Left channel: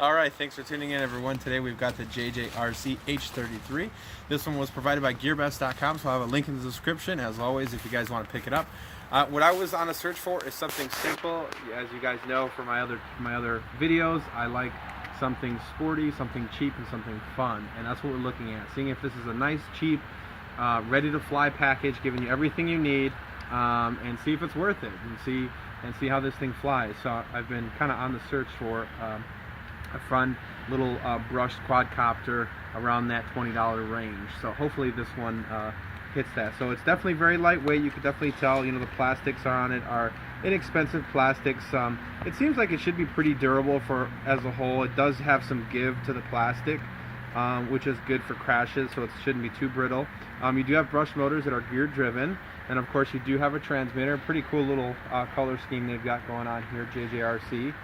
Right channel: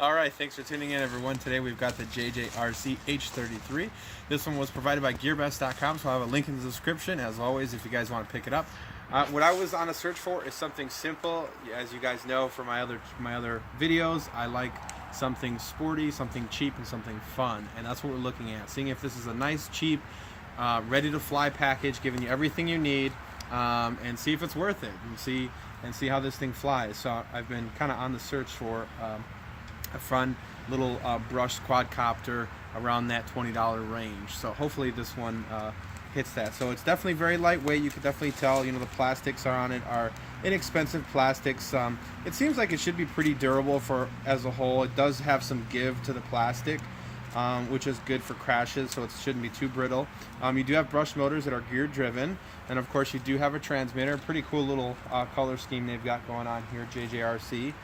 All right, thanks for tuning in, everyone. Today we've got the JJRC H33. This one was provided by GearBest.com, so I'll have a link in the description, as always, if you guys want to pick it up. What I was on a search for is something simple. As you guys know from my other videos, I like something sporty, something cheap, and something fun, and that's what we're looking at. Seeing if this is a nice, cheap, ready-to-fly package, giving you everything you need, and see if it's worth it, and see how this thing flies. So I've been kind of on the search for a fun little brushed quadcopter around that $20 range. So hopefully this one hits that. So it's definitely very lightweight. You can definitely tell, you know, the plastics on it are inexpensive plastics. It seems like it should be pretty durable for as a whole. It does have some give to the plastic, which is good for crashes, so it shouldn't be too brittle. You do have brush motors that are gear driven, and of course you do have a transmitter. Pretty cool little color scheme they've got going on here, JJRC.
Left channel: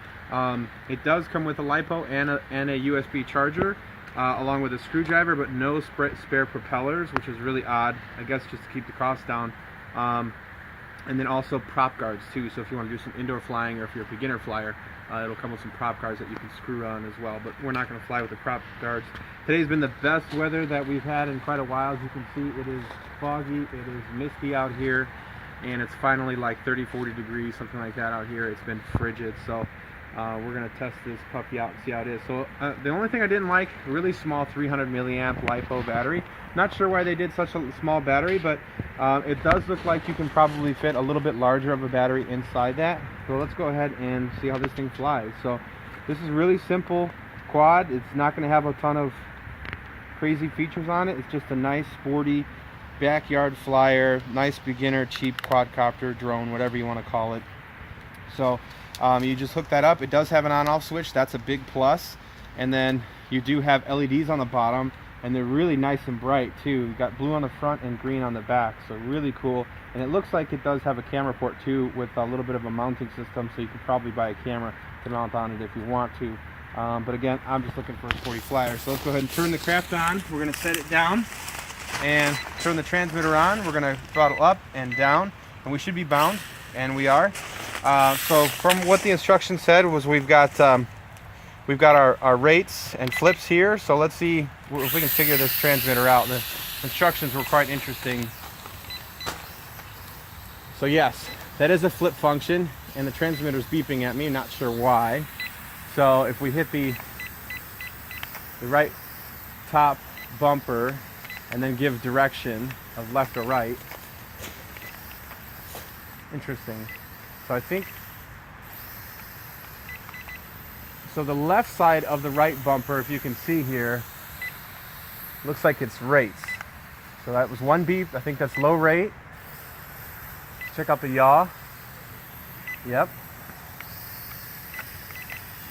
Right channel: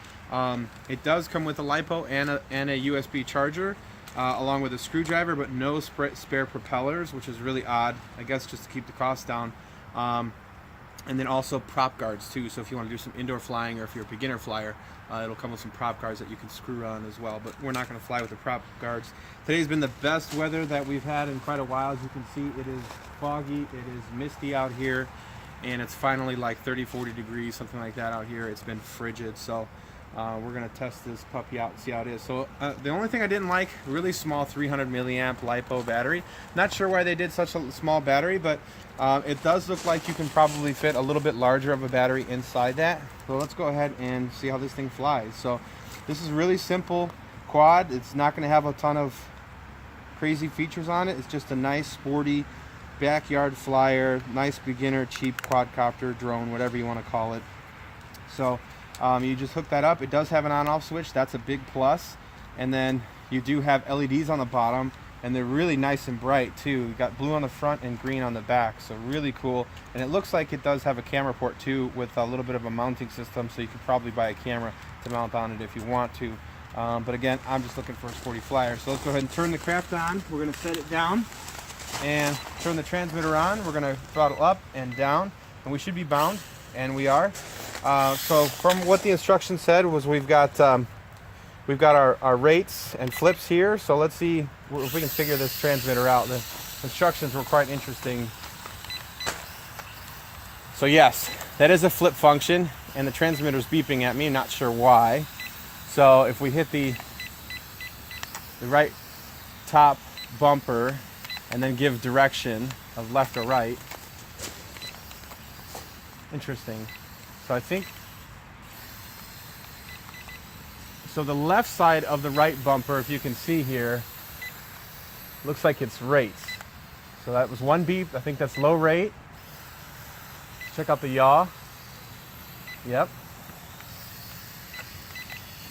It does come with a LiPo and a USB charger, along with a screwdriver, but no spare propellers, which is really odd, I guess, just to keep the cost down. And then also prop guards too, so if you want to do some indoor flying, or if you're a beginner flyer, it'll come with some prop guards that you can screw on as well, but we're not going to fly with the prop guards. Today's been the best weather that we've had in quite a while. As you can see, it is foggy, it is misty out here, and it's finally like 30-40 degrees, something like that out here. It's been frigid, so we're going to test this puppy out and see how it is. So the only thing I didn't like, really small 300 milliamp LiPo battery. Not sure why they did such a small battery, but it does look like you can probably fit a little bit larger of a battery inside that. So let's go ahead and see how this thing flies. So this is really simple quad. It's not going to have a ton of crazy features on it. It's just a nice sporty backyard flyer, nice beginner cheap quadcopter, drone, whatever you want to call it. So you just hook that up. It does have an on-off switch. That's a big plus. And then you do have LEDs on the bottom, and they're really nice and bright too. You got blue on the front and green on the back, so really cool. And it looks like it does have a camera port too, with a little bit of a mounting system, so you could probably buy a camera to mount on it if you want to. But again, I'm just looking for a sporty flyer. So let's go ahead and turn the craft on. We're going to set it down and turn the transmitter on. We're going to throttle up and down, and we should be bound, and we are. So from what the instructions said was we've got our rates and flips here. So let's see if we can figure this transmitter out. The instructions were quite interesting. So yes, that is a flip function, and the transmitter's beeping at me, not sure why. So if we hit the right top bumper and then give direction of left or right. Interesting. So I think, so the left side of the right bumper, if you can see here, looks like it's rates. So that was one beep. I think that's low rate. Check out the yaw. Yep.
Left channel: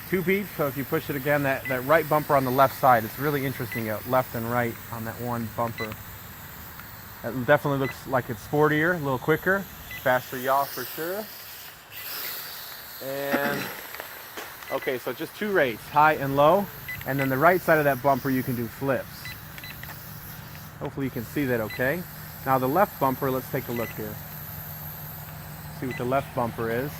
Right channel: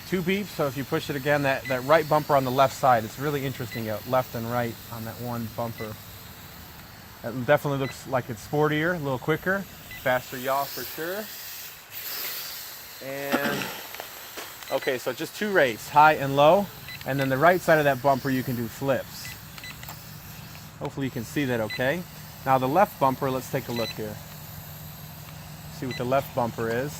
Two beeps, so if you push it again, that right bumper on the left side, it's really interesting, left and right on that one bumper. That definitely looks like it's sportier, a little quicker, faster yaw for sure. And okay, so just two rates, high and low, and then the right side of that bumper you can do flips. Hopefully you can see that okay. Now the left bumper, let's take a look here. See what the left bumper is.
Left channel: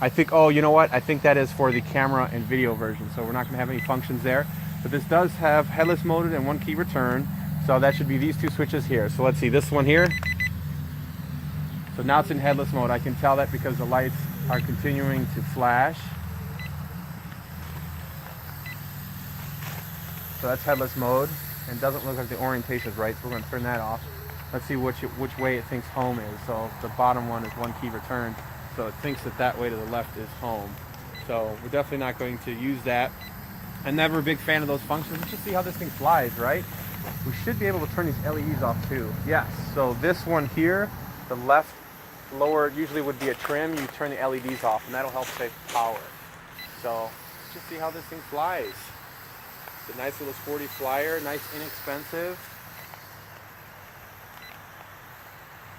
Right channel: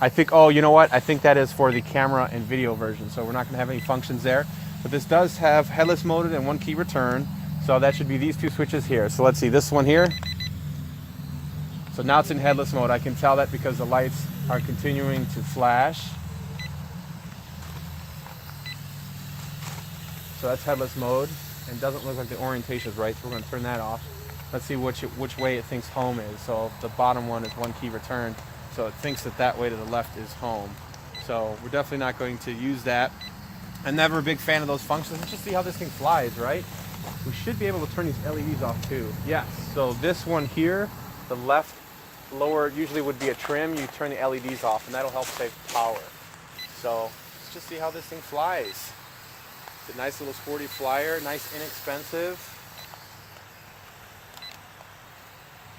I think, oh, you know what? I think that is for the camera and video version, so we're not going to have any functions there. But this does have headless mode and one key return, so that should be these two switches here. So let's see, this one here. So now it's in headless mode. I can tell that because the lights are continuing to flash. So that's headless mode, and it doesn't look like the orientation is right, so we're going to turn that off. Let's see which way it thinks home is. So the bottom one is one key return. So it thinks that way to the left is home. So we're definitely not going to use that. I'm never a big fan of those functions. Let's just see how this thing flies, right? We should be able to turn these LEDs off too. Yes, so this one here, the left lower usually would be a trim. You turn the LEDs off, and that'll help save power. So let's just see how this thing flies. It's a nice little sporty flyer, nice inexpensive.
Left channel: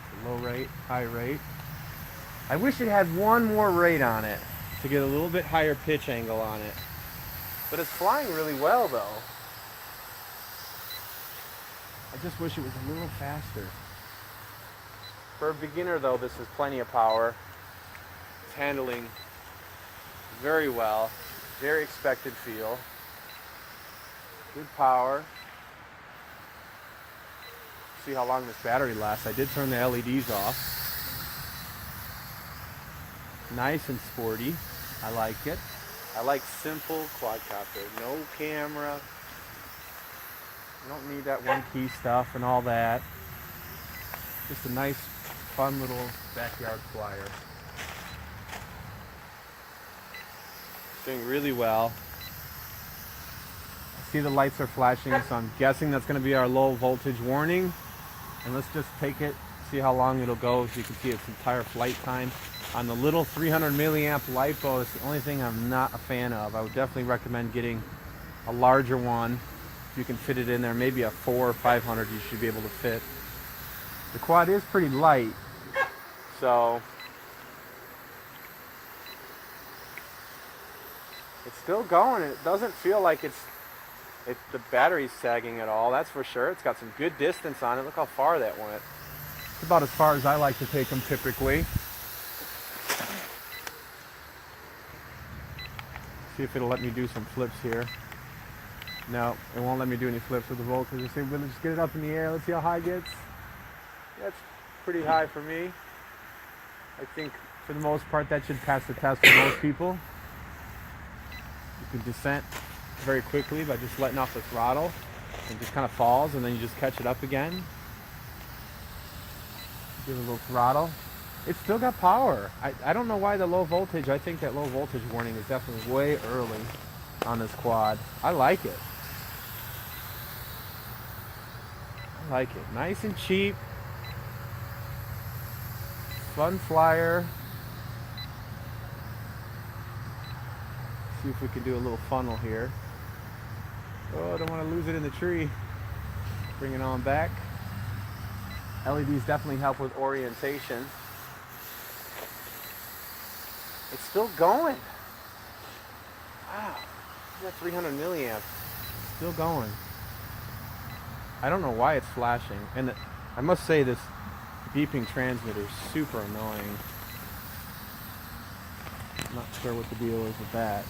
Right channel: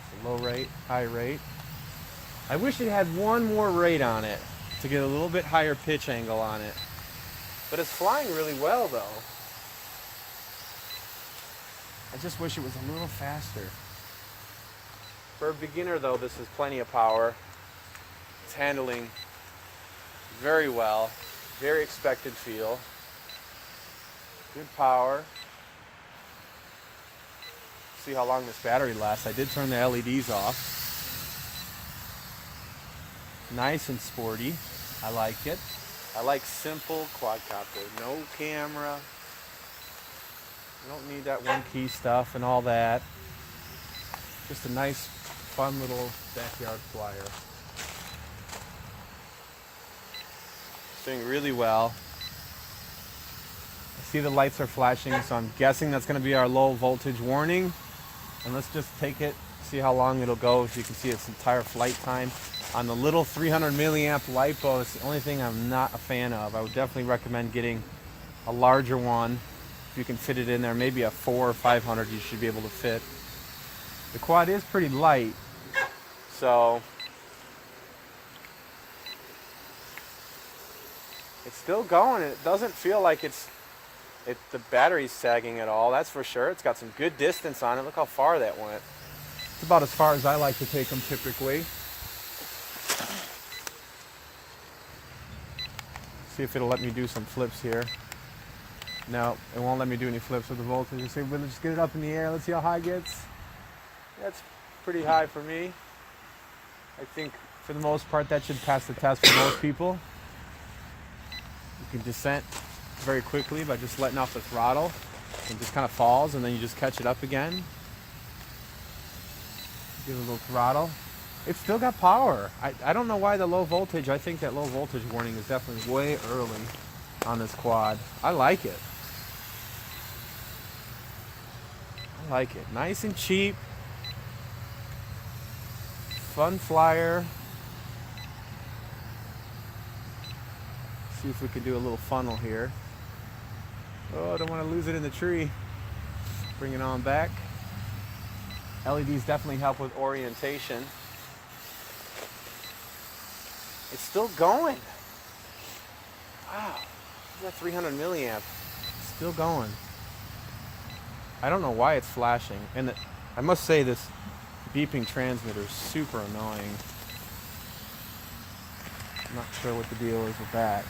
It's a low rate, high rate. I wish it had one more rate on it to get a little bit higher pitch angle on it. But it's flying really well though. I just wish it was a little faster. For a beginner though, this is plenty of power. It's handling very well. Very expected feel. Good power. See how long this battery lasts. I did turn the LEDs off. Nice and sporty. I like it. I like simple quadcopter. No camera. I don't need that one key stuff and all that. Just a nice, fun little backyard flyer. Doing really well. I see the lights are flashing, so I'm guessing that's going to be our low voltage warning. And let's just take it, see how long it'll go. As you can see, its entire flight time. On the little 300 milliamp LiPo, it's the only thing I'm not a fan of. I would definitely recommend getting a larger one. If you can fit it in there, maybe a 400 or 500 you should be able to fit. The quad is pretty light, so it's still going. It doesn't feel like the battery's sagging at all, that's for sure. It's got some good distance on it. Look how far that went. It's about as far as I like to take them typically. See if it'll let me do some flips here. No, it won't let me do any flips with the voltage. Let's see, we're gonna just get it up in the air. Let's see how high it gets. That's pretty high for me. I think for the most part that should pass the test for most people. You can descent very quickly by just letting off the throttle. It just kind of falls and then you just catch it up again. Give it a little throttle. It's still got power. I don't know why the low voltage. I think that low voltage warning is definitely way early on this quad. I like it. I like it. Nice and cheap. Fun flyer. See if we can do a little funnel here. Oh, I don't want to lose it in the tree. Bring it on back. LEDs definitely help with orientation. It's still going. Wow, that 300 milliamp. Still going. I don't know why it's flashing. And I must say this beeping transmitter is super annoying. I'm not sure what the deal is with that.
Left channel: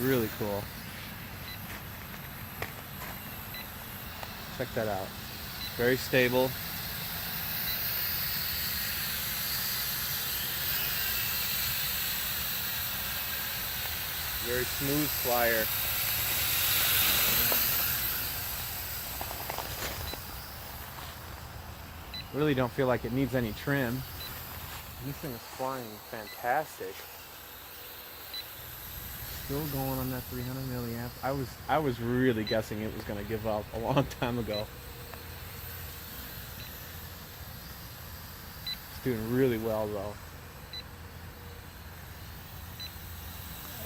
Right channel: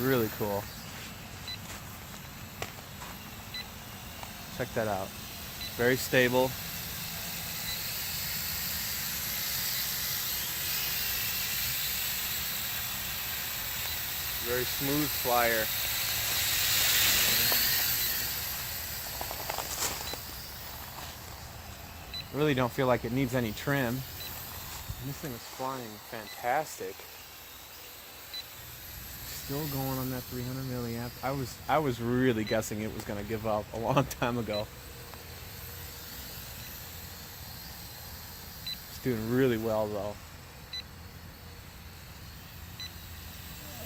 Really cool. Check that out. Very stable. Very smooth flyer. Really don't feel like it needs any trim. And this thing is flying fantastic. Still going on that 300 milliamp. I was really guessing it was going to give up a long time ago. It's doing really well though.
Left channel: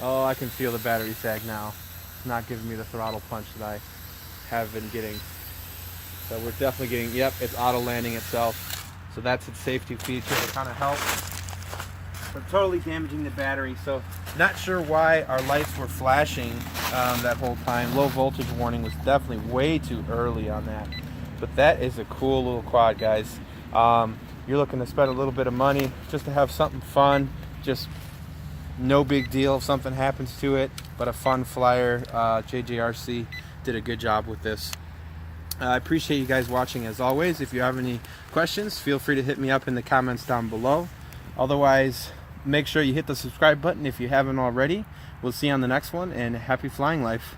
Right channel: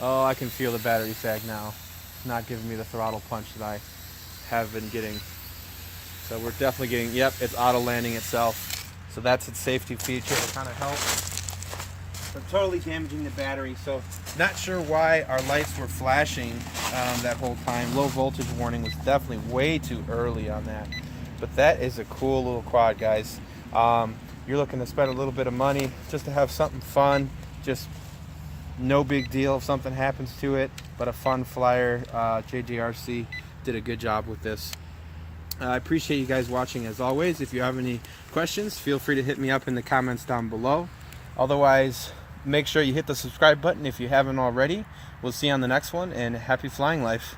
Oh, I can feel the battery sag now. It's not giving me the throttle punch that I have been getting. So we're definitely getting, yep, it's auto landing itself. So that's its safety feature to kind of help. But totally damaging the battery. So not sure why our lights were flashing that whole time. Low voltage warning was definitely way too early on that. But that is a cool little quad, guys. You're looking to spend a little bit of money just to have something fun. Just no big deal if something happens to it, but a fun flyer. JJRC did a good job with this. I appreciate you guys watching as always. If you have any questions, feel free to hit me up in the comments down below. Otherwise, make sure you hit the subscribe button if you haven't already. We'll see you on the next one, and happy flying life.